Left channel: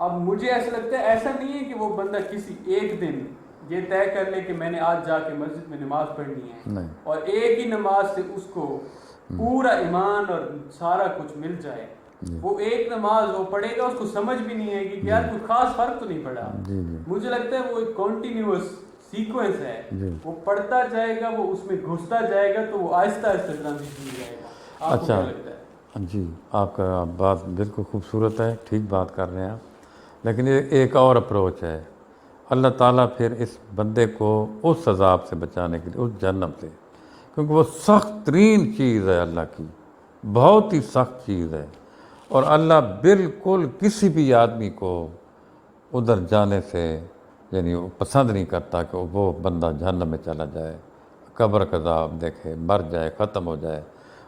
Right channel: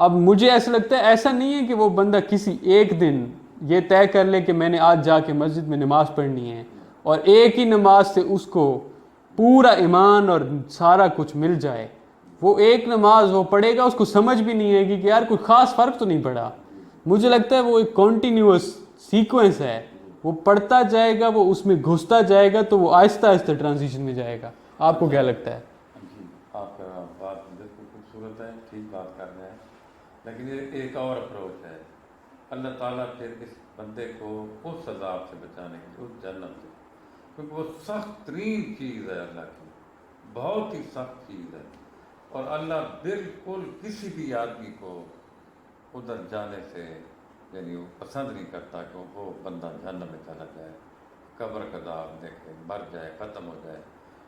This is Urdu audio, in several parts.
اب مجھے ایسا لگتا ہے ایسا نہیں ہے کہ وہ بندہ کسی ایک دن یہ طے کر لے کہ میں نے آج جا کے مسجد میں نماز پڑھنی ہے اور ایک ہی نماز سے اس کو پورا ایمان اور سارا کچھ مل جائے. وہ ایک نماز وہ پڑھے گا, اس کو سمجھ بھی نہیں آئے گی کہ یار کوئی خاص فرق تو نہیں پڑا. مجھے لگتا ہے وہ ایک کنٹینیوس سیکوینس ہے, وہ پڑھتا جائے گا, وہ اس میں گھستا جائے گا, تو وہ آہستہ آہستہ ٹرانزیشن میں جائے گا. آپ کو کیا لگتا ہے؟ جی, آپ کا بات بالکل خوبصورت ہے, ٹھیک بات کر رہے ہیں آپ, لیکن ایک اور اپروچ ہے. اللہ تعالیٰ پھر اس بندے کو اس عذاب سے بچانے کے لیے, اس جہنم سے, کیونکہ وہ سخت ترین چیز ہے اللہ کی, بہت ہی سخت چیز ہے, اور اللہ بالکل کسی بھی آدمی کو ادھر جانے سے یعنی وہ پسند نہیں کرتا کہ وہ بندہ جہنم میں چلا جائے, قبر کا عذاب دیکھے, مر جائے, ختم ہو جائے,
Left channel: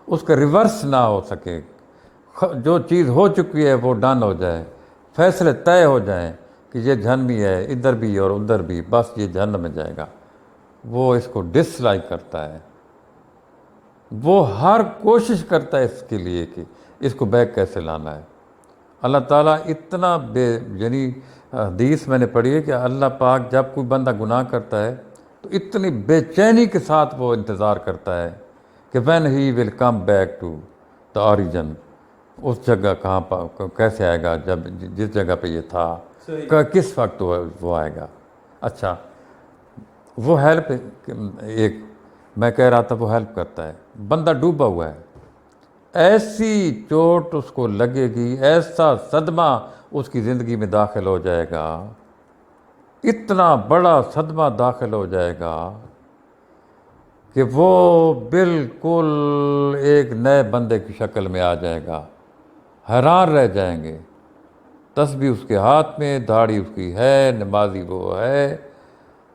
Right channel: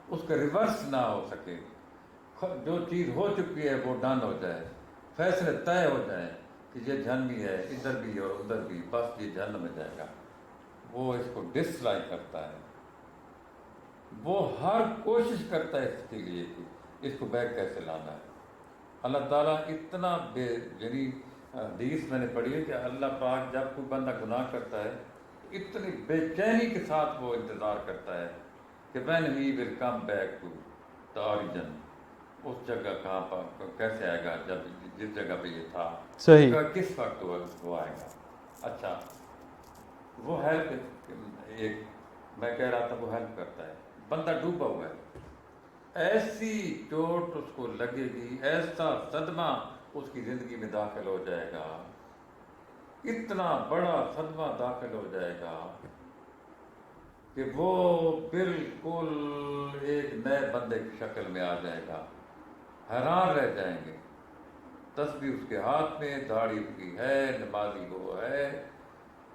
اس کا ریورس نہ ہو سکے. جو چیز ہو چکی ہے وہ ڈن ہو جائے, فیصلے طے ہو جائیں کہ یہ جہنمی ہے, ادھر بھی اور ادھر بھی, بس یہ جہنم میں جائے گا. وہ اس کو ڈس لائک کرتا ہے, وہ ہر کوشش کرتا ہے اس کے لیے کہ اس کو بیک کیسے لانا ہے. اللہ تعالیٰ اتنا یعنی حدیث میں نے پڑھی ہے کہ اللہ پاک جب کوئی بندہ گناہ کرتا ہے تو اتنی بے چینی کے ساتھ وہ انتظار کرتا ہے کہ when he will come back to the origin, اس جگہ کہاں پر کیسے آئے گا, جب جس جگہ پہ یہ تھا, کس وقت وہ آئے گا. اچھا, وہ ہیلپ, ایک میں کہہ رہا تھا وہ ہیلپ کرتا ہے. بندہ ڈوبا ہوا ہے, ایسی چوٹ اس کو لگے گی, ایسا صدمہ اس کی زندگی میں داخل ہو جائے گا, اتنا بڑا صدمہ داخل ہو جائے گا کہ وہ بالکل ایک نئے بندے کی شکل میں آ جائے گا. حیران رہ جائیں گے, تسبیح اس کے ہاتھ میں, داڑھی اس کی ہے, نمازی وہ ہے,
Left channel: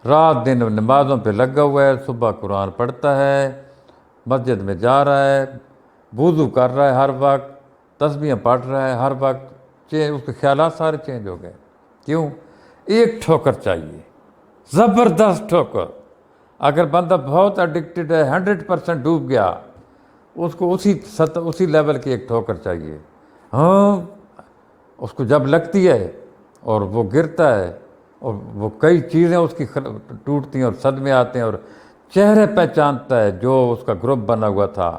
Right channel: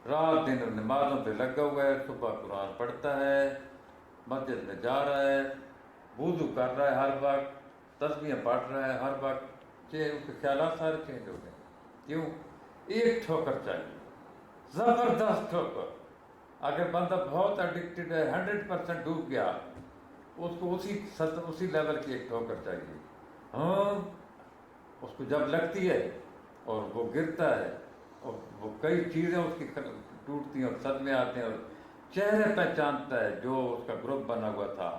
رات دن نمازوں پہ لگا ہوا ہے, صبح قرآن پڑھتا ہے, مسجد میں جا رہا ہے, وضو کر رہا ہے ہر وقت, تسبیحیں پڑھ رہا ہے ہر وقت, اس کے خیالات سارے چینج ہو گئے. کیوں؟ ایک ٹھوکر چاہیے, زبردست ٹھوکر. اگر بندہ بہت ایڈکٹڈ ہے, 100% ڈوب گیا, اس کو اسی لیول کی ایک ٹھوکر چاہیے. ہاں, اس کو جب لگتی ہے اور وہ گرتا ہے اور وہ کئی چیزیں اس کی ٹوٹتی ہیں اور صدمے آتے ہیں, اور چہرے پہچانتا ہے جو اس کا گروپ بنا ہوا تھا,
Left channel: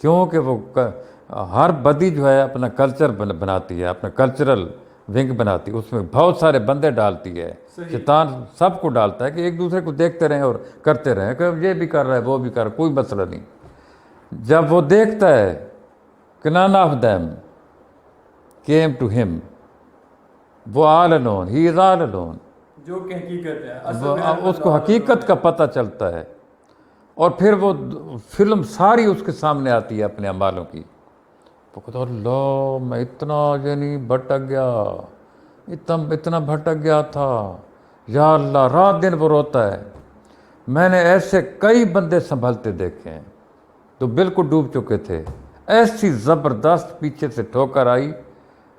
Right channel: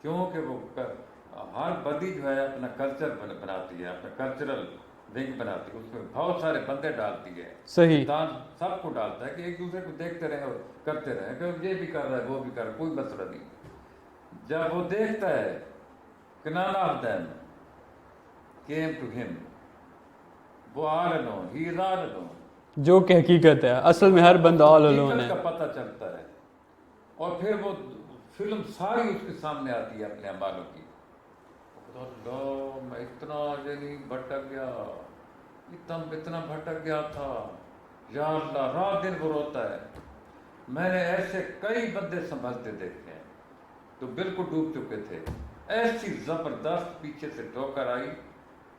کیونکہ وہ ہر بدی جو ہے اپنا کلچر بناتی ہے, اپنا کلچرل ونگ بناتی ہے, اس میں بہت سارے بندے ڈالتی ہے. شیطان سب کو ڈالتا ہے کہ ایک دوسرے کو دیکھتے رہیں اور کرتے رہیں کہ یہ بھی کر رہا ہے وہ بھی کر رہا ہے, کوئی مسئلہ نہیں. جب وہ دیکھتا ہے کہ none of them came to him, وہ all alone, he is all alone, جو کہ حقیقت ہے, اصل میں ہر بندہ حقیقت کا پتہ چلتا ہے, اور پھر وہ فلم ساری اس کے سامنے آتی ہے اپنے اعمالوں کی. وہ کہتا ہے اللہ میں اتنا یعنی بھٹک گیا, اتنا بھٹک گیا تھا, یا اللہ. رات دن وہ روتا ہے. میں نے ایسے کئی بندے سنبھلتے دیکھے ہیں تو بالکل ڈوب چکے تھے, ایسی زبردست پیچھے سے ٹھوکر آئی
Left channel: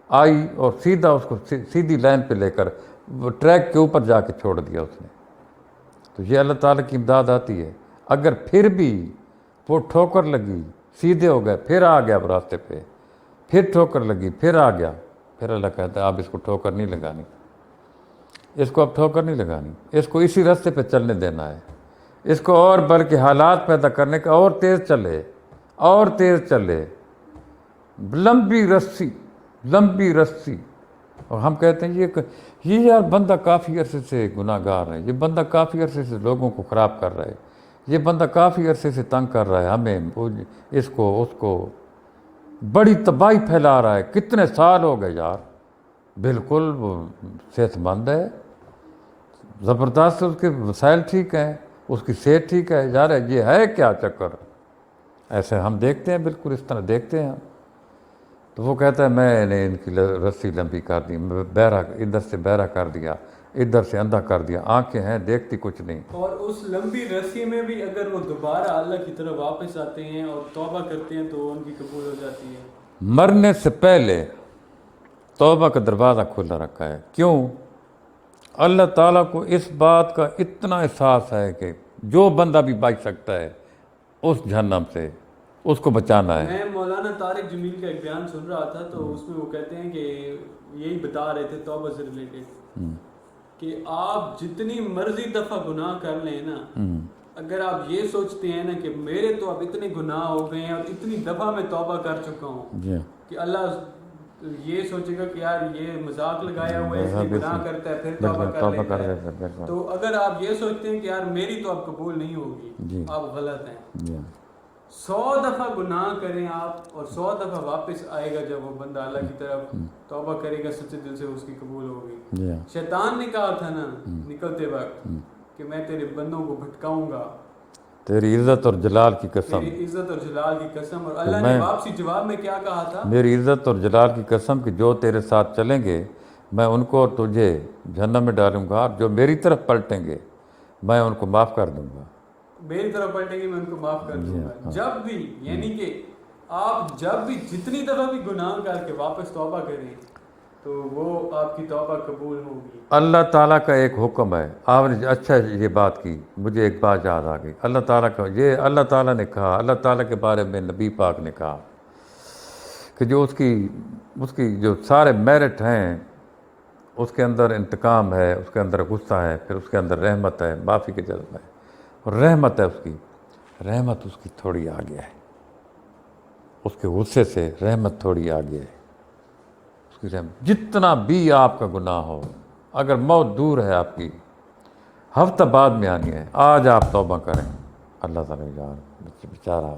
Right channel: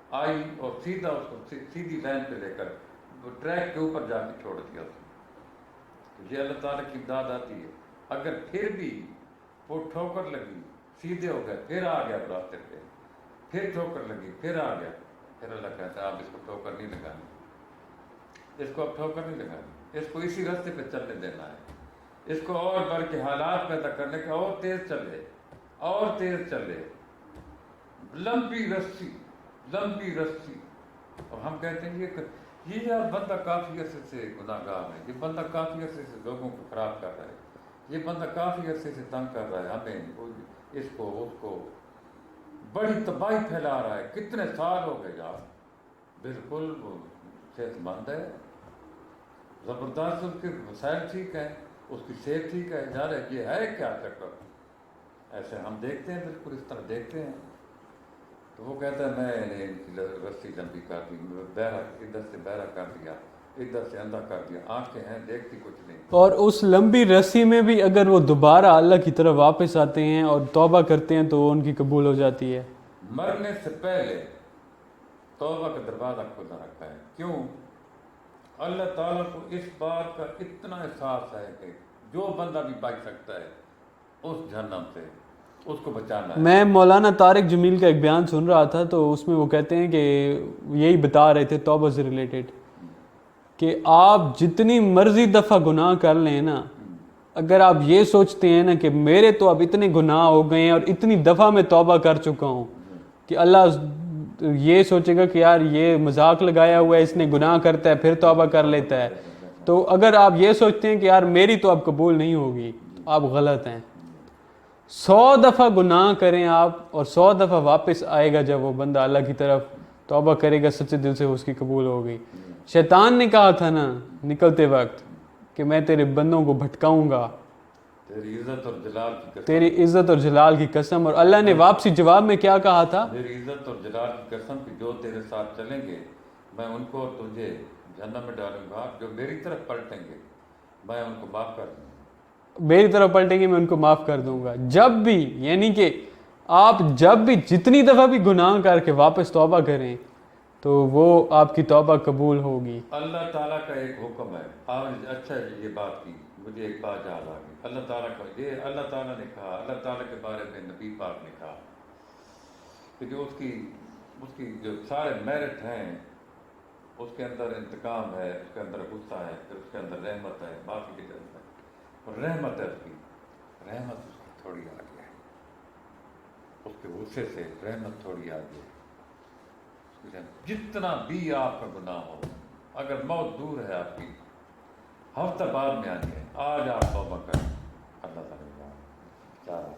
اور سیدھا اس کو سیدھی لائن پہ لے کر وہ ٹریک کے اوپر جا کے چھوڑ دیا اس نے. تو یہ اللہ تعالیٰ کی امداد آتی ہے. اگر پھر بھی وہ ٹھوکر لگی, سیدھے ہو گئے, پھر آ گیا راستے پہ, پھر ٹھوکر لگی, پھر آ گیا, پھر اللہ کہتا ہے اب اس کو ٹھوکر نہیں لگانی, اس کو اب ٹھوکر نہیں لگانی, اس کو اسی راستے پہ چلنے دینا ہے, اس کو اور بلکہ حالات پیدا کرنے کا, اور تیز چلے, اور تیز چلے, لمبی رسی. اور ہم کہتے ہیں یہ یار بندہ کافی عرصے سے گناہ گار ہے, یہ بندہ کافی عرصے سے لوگوں کو خراب کر رہا ہے, یہ بندہ کافی عرصے سے تنگ کر رہا ہے ہمیں, اس کو بڑی تباہی پھیلا رہا ہے, کتنے سال ہو گئے یار. بالکل وہ صحت مند ہے, زبردست, اس کے وسائل ٹھیک ہیں, اس کی صحت ٹھیک ہے, یار یہ ہے کیا چکر. ایسے ہم دیکھتے ہیں, بالکل اس طرح دیکھتے ہیں. تو وہ کہتا ہے میں نے ان کی رسی لمبی کر دی, بہرا ادھر سے بہرا کر دیا, ادھر سے اندھا کر دیا, آنکھیں ہیں دیکھتی کچھ نہیں. اور اس لمبی رسی میں بھی اگر وہ دوبارہ اللہ کی طرف واپس آتے ہیں اور توبہ کرتے ہیں تو ان کی قبول ہو جاتی ہے. مرنے سے پہلے توبہ کا دروازہ کھلا رکھا ہے. کیوں؟ اللہ تعالیٰ کو اس بات کا اتنا احساس ہے کہ جو بندہ بھی بچ سکتا ہے اس جہنم سے, اس کو بچانا ہے. میں مولانا طارق جمیل کا ایک بیان سن رہا تھا تو اس میں وہ کہتے ہیں کہ یہی بتا رہے تھے توبہ سے ریلیٹڈ کہ آپ جتنی مرضی دفعہ گناہ کر لیں نا، اگر آپ یہ سوچتے ہیں نا کہ میرے تو اب اتنے گناہ ہو گئے ہیں اور اتنی دفعہ میں توبہ کر چکا ہوں کہ اللہ یہ سوچے گا کہ یار یہ مذاق لگایا ہوا ہے، اس نے گناہ کرتا ہے پھر توبہ کر لیتا ہے. تو اگر آپ یہ سوچتے ہیں کہ یار میری تو اب قبول نہیں ہوگی، آپ غلط ہیں. 100 دفعہ گناہ کریں آپ اور 100 دفعہ واپس آئے گا جب وہ بندہ اللہ کی طرف توبہ کرے گا سچے دل سے، اس کی قبول ہوگی. شیطان نے کہا تھا نا نکلتے وقت کہ میں تیرے بندوں کو بھٹکاؤں گا، تیری عزت اور جلال کی قسم، تیری عزت اور جلال کی قسم. اور اللہ نے واپسی جواب میں کیا کہا تھا؟ میری عزت اور جلال کی قسم کہ جو تیرے ساتھ چلیں گے میں ان کو اور تجھے جہنم میں ڈالوں گا، اور جو میری طرف پلٹیں گے میں ان کو معاف کر دوں گا. میری طرف پلٹیں گے میں ان کو معاف کر دوں گا. جب بھی یعنی کہ آپ جب بھی جتنی دفعہ بھی گناہ کر کے واپس توبہ کریں تو وہ آپ کی توبہ قبول ہوگی. اللہ تعالیٰ کا ایک حکم ہے. آپ نے اچھا یہ بات کی، مجھے ایک بات یاد آ گئی. اللہ تعالیٰ کا یہ اللہ تعالیٰ نے کہا، اللہ تعالیٰ کے بارے میں نبی پاک نے کہا کہ جو اس کی جو سارے میرٹ ہیں اس کے اندر انتقام ہے، اس کے اندر غصہ ہے، پھر اس کے اندر رحمت ہے، معافی کے جذبہ ہے، اور رحمت ہے رحمت اس کی تھوڑی آگے ہے. اس کے غصے سے رحمت تھوڑی آگے ہے. اس کی رحمت جتنا بھی آپ کا گناہ ہو، اگر موت دور ہے آپ کی، ہفتہ بعد میں آنی ہے، آج آپ توبہ کریں، اللہ تعالیٰ جان بیچارہ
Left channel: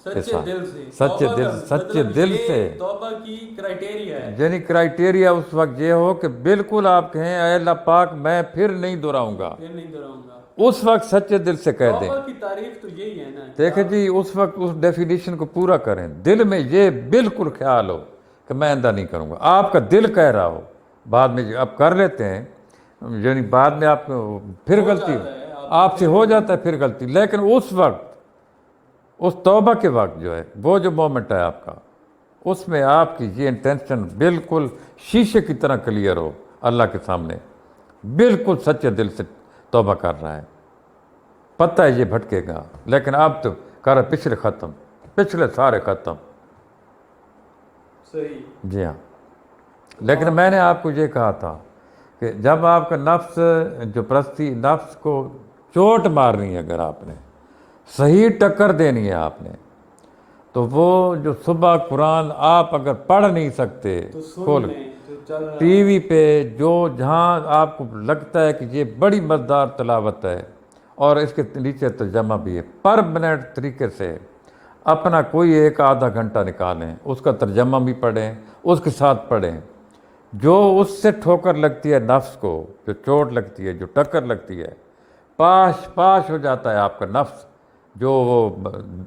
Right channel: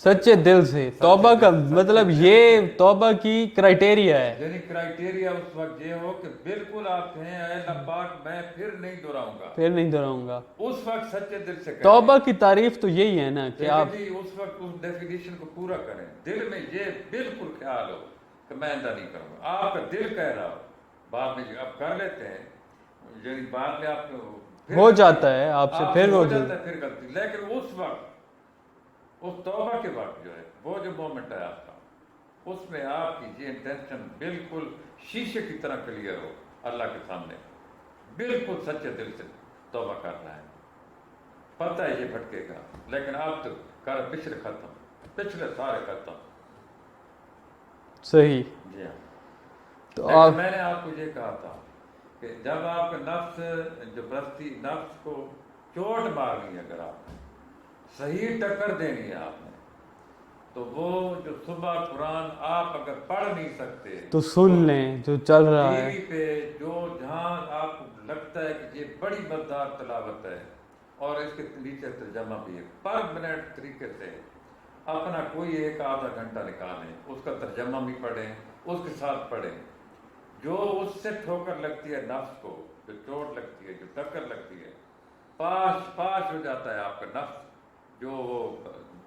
سچے دل سے. توبہ کا مطلب یہ توبہ کی کرائٹیریا ہے. یعنی کرائٹیریا اس وقت یہ ہو کہ بالکل آپ کہیں اے اللہ پاک میں پھر نہیں دہراؤں گا، پھر نہیں دہراؤں گا. اس وقت سچے دل سے کہہ دیں. توبہ کی تعریف تو یہی ہے نا. دیکھیں جی اس وقت اس ڈیفینیشن کو پورا کریں. دل میں یہ بالکل خیال ہو کہ میں آئندہ نہیں کروں گا. آپ کا دل کہہ رہا ہو، بعد میں اب کر لیتے ہیں، یعنی بعد میں آپ پھر ہو جاتا ہے، آپ سے ہو جاتا ہے پھر غلطی، لیکن اس وقت اس توبہ کے وقت جو ہے وہ جو مومنٹ ہے آپ کا، اس میں آپ کی یہ انٹینشن بالکل شیشے کی طرح کلیئر ہو اللہ کے سامنے، بالکل سچے دل سے توبہ کر رہا ہے. پتہ ہے یہ بھٹکے گا، لیکن آپ تو کر پچھلے ختم، پچھلے سارے ختم. صحیح. جی ہاں. لیکن میں نے آپ کو یہ کہا تھا کہ جب آپ کا نفس جو پرستی، نفس کو چوٹ مارنی ہے، اگر آپ نے صحیح ٹکر دینی ہے آپ نے، تو وہ جو صبح قرآن آپ اگر پڑھ نہیں سکتے تو سن لیں جو چل رہا ٹی وی پہ، جو جہاں آپ کو لگتا ہے کہ یہ بڑی مزدار تلاوت ہے اور اس کے نیچے ترجمہ بھی ہے، پر منٹ طریقے سے اپنا کوئی ایک آدھا گھنٹہ نکالیں، اس کا ترجمہ بھی پڑھیں، اس کے ساتھ پڑھیں. جو اس سے ٹھوکر لگتی ہے نفس کو، جو چوٹ لگتی ہے، جو ٹکر لگتی ہے، پاش ہو جاتا ہے آپ کا نفس. جو وہ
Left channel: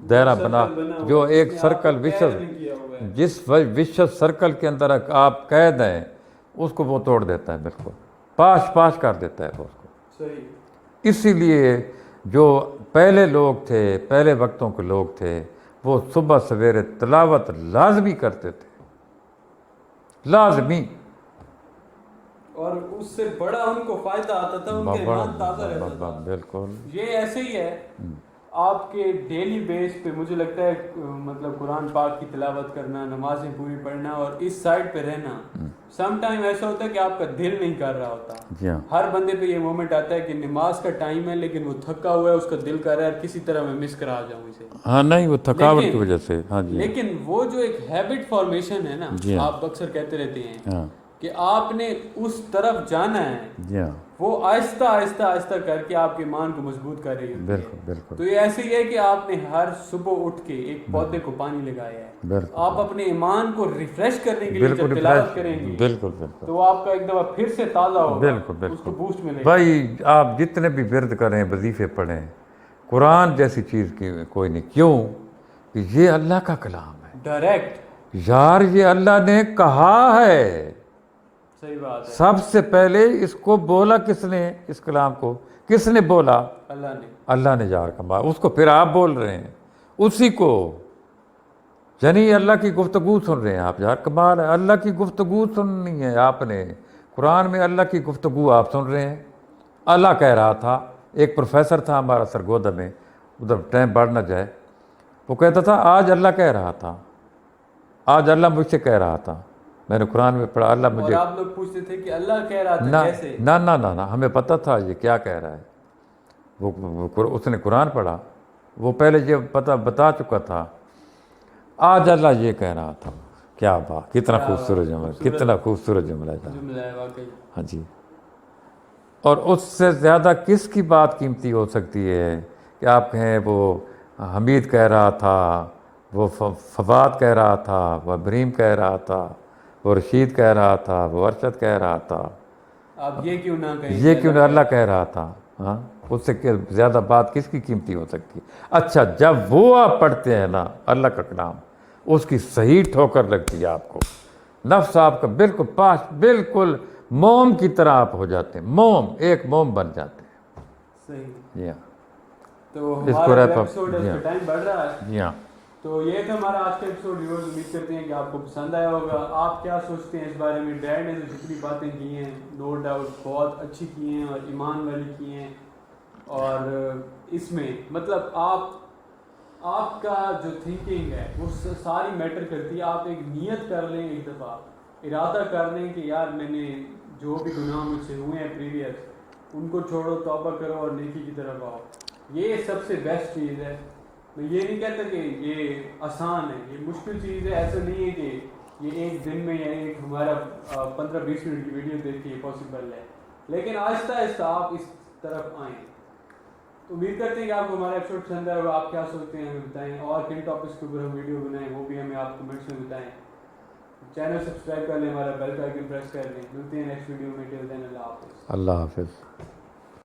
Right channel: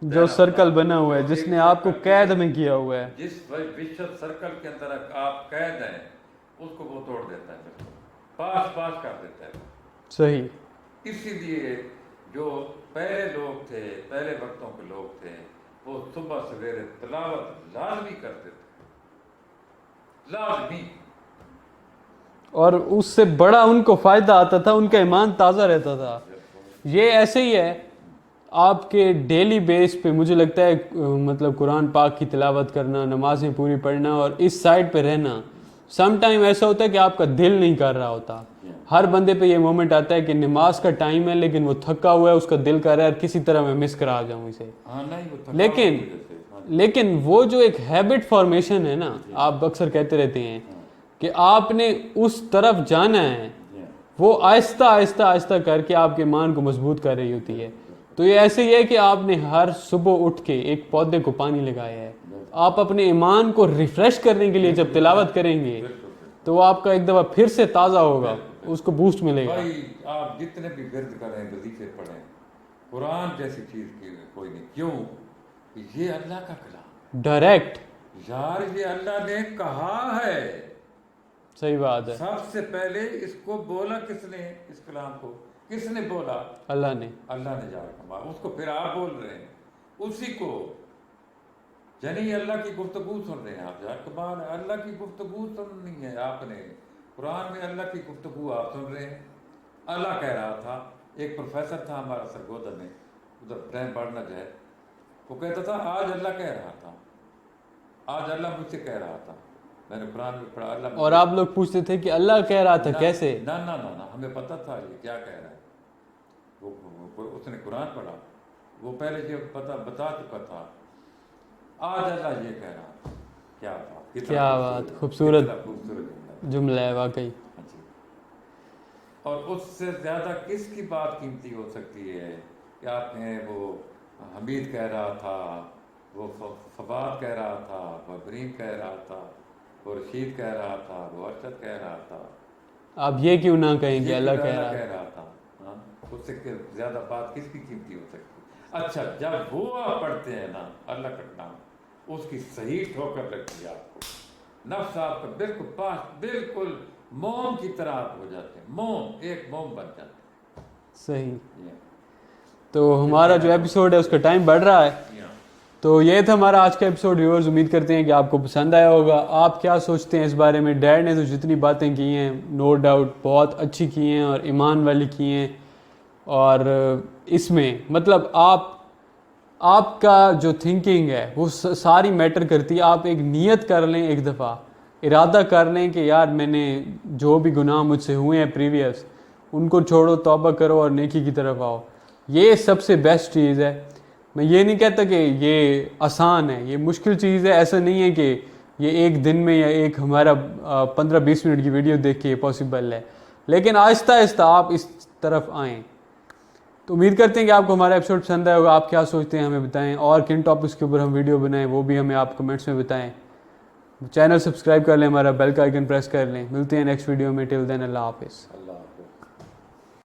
دائرہ سرکل بنا ہوا ہے جس نے آپ کو قید میں کیا ہوا ہے، جس وشس سرکل کے اندر آپ قید ہیں، اس کو وہ توڑ دیتا ہے، بالکل پاش کر دیتا ہے وہ اس کو. صحیح. اسی لیے جو پہلے لوگ تھے، پہلے وقتوں کے لوگ تھے، وہ صبح سویرے تلاوت لازمی کرتے تھے، لازمی. اور اس سے بڑا ان کو فائدہ آتا تھا، ان کا ایمان تازہ رہتا تھا. بالکل. یہ ایسے ہی ہے آپ کے ڈیلی بیس پہ مجھے لگتا ہے مطلب قرآن پاک کی تلاوت کرنا، نمازیں پوری پڑھنا اور اس سائڈ پہ رہنا. سم ٹائم ایسا ہوتا ہے کہ آپ کا دل نہیں کر رہا ہوتا. ہر بندے پہ یہ مومنٹ آتا ہے کہ نماز کا ٹائم ہے لیکن وہ تھکا ہوا ہے، اس کا دل کر رہا ہے اور کسی طرح میں مس کرا جاؤں اسے. ہاں نہیں، وہ تھکاوٹ کی وجہ سے. ہاں جی. لیکن وہ جو ایک ہیبٹ فارمیشن ہے نا، آپ اکثر کہتے رہتے ہیں کہ آپ نے اس طرف جانا ہے، وہ آہستہ آہستہ آہستہ کر کے آپ کے ایمان کو مضبوط کر رہی ہوتی ہے. تو یہ ایسے ہی ہے کہ آپ نے ہر صبح اٹھ کے ایک پودے کو پانی لگایا ہے. آپ اپنے ایمان کو ریفریش کرنے کے لیے جب تلاوت کریں گے تو وہ آپ کا ایک دفعہ پھر سے تازہ ہوگا، اس کو بوسٹ ملے گا. بھائی آپ جتنے بھی ورد کریں، وظیفے پڑھیں، قرآن جیسی چیز کی کوئی نہیں. کیوں کہ یہ اللہ کا کلام ہے ڈائریکٹ. یار یہ اللہ نے کہا ہے. صحیح بات ہے. سب سے پہلے اس کو بولا کس نے؟ اس کلام کو کس نے بولا؟ اللہ نے. اللہ نے یار کہا، اس کو پھر آپ بول رہے ہیں اسی کو. یعنی اللہ کی گفتگو سن رہے ہیں آپ. یار کمال ہے، اللہ کی گفتگو سننی ہے آپ نے. قرآن میں اللہ کی گفتگو آپ سن رہے ہیں. اللہ کہہ رہا تھا، ایک پروفیسر تھا ہمارا سرگودا میں، ادھر ٹائم بڑھ نہ جائے، وہ کہتا تھا آج اللہ کہہ رہا تھا، آج اللہ مجھ سے کہہ رہا تھا، میں نے قرآن میں پڑھا اللہ اور مجھے، آپ لوگ پوچھتے تھے کہ اللہ کہہ رہا تھا کیسے؟ نہ نہ نہ نہ ہمیں پتہ تھا یہ کیا کہہ رہا ہے، اس نے قرآن پڑھا، وہ پہلے یہ بتا چکا تھا آج اللہ یہ کہہ رہا تھا. کیا بات، کتنا خوبصورت جملہ، کتنا خوبصورت جملہ ہے. جملہ ہے واقعی. ہاں جی. اور اس سے زیادہ کس کی بات قیمتی ہو سکتی ہے کہ آپ کہیں وہ حمید کہہ رہا تھا، وہ فواد کہہ رہا تھا، وہ ابراہیم کہہ رہا تھا، وہ رشید کہہ رہا تھا، وہ ارشد کہہ رہا تھا. آپ یہ کیوں نہ کہیں یہ کیوں اللہ کہہ رہا تھا؟ ہاں، اس سے زیادہ بات کس کی قیمتی ہو سکتی ہے؟ اچھا، جب وہ آپ پڑھتے ہیں نا اللہ کا کلام، اس کی صحیح ٹھوکر لگتی ہے آپ کو، نفس آپ کا بالکل پاس، بالکل موم کی طرح آپ ہو جاتے ہیں، موم، ایک موم بن جاتے ہیں. صحیح. تو ہمارا جو ایپیسوڈ ہے اس کا ٹائم بڑھ رہا ہے. تو یہ تھا ہمارا آج کا ایپیسوڈ. ویورز امید کرتے ہیں کہ آپ کو پسند آیا ہوگا. آپ کیا سوچتے ہیں اس بارے میں؟ ڈیڈ نے تو جتنی باتیں کی ہیں نو ڈاؤٹ بہت اچھی کی ہیں اور ایمان والی کی ہیں، اور اس میں مطلب آپ کا جو تھنکنگ ہے وہ ساری میٹر کرتی ہے. آپ ایک نیت کر لیں، ایک دفعہ ارادہ کر لیں کہ یار میں نے جو بھی گناہ مجھ سے ہوئے ہیں پریویس، ان کو چھوڑو، توبہ کرو اور نیکی کی طرف آؤ. یہ سب سے بیسٹ چیز ہے. میں یہ نہیں کہتا کہ یہ آسان ہے، یہ مشکل چیز ہے. ایسا نہیں ہے کہ یہ ایک دن میں یا ایک ہمارا 15-20 منٹ کی ویڈیو دیکھ کے پاسبل ہے، لیکن آہستہ آہستہ آپ اس طرف آئیں. تو امید کرتے ہیں کہ آپ کو ہمارا ایپیسوڈ پسند آیا ہوگا. آپ کیا سوچتے ہیں ہمیں بتائیں، اور کن ٹاپکس کے اوپر ہم ویڈیو بنائیں وہ بھی ہمیں آپ کمنٹس میں بتائیں. چینل سبسکرائب کر لیں، ہمارا بیل کا آئیکن پریس کر لیں. ملتے ہیں نیکسٹ ویڈیو میں. ٹل دین اللہ حافظ. اللہ حافظ.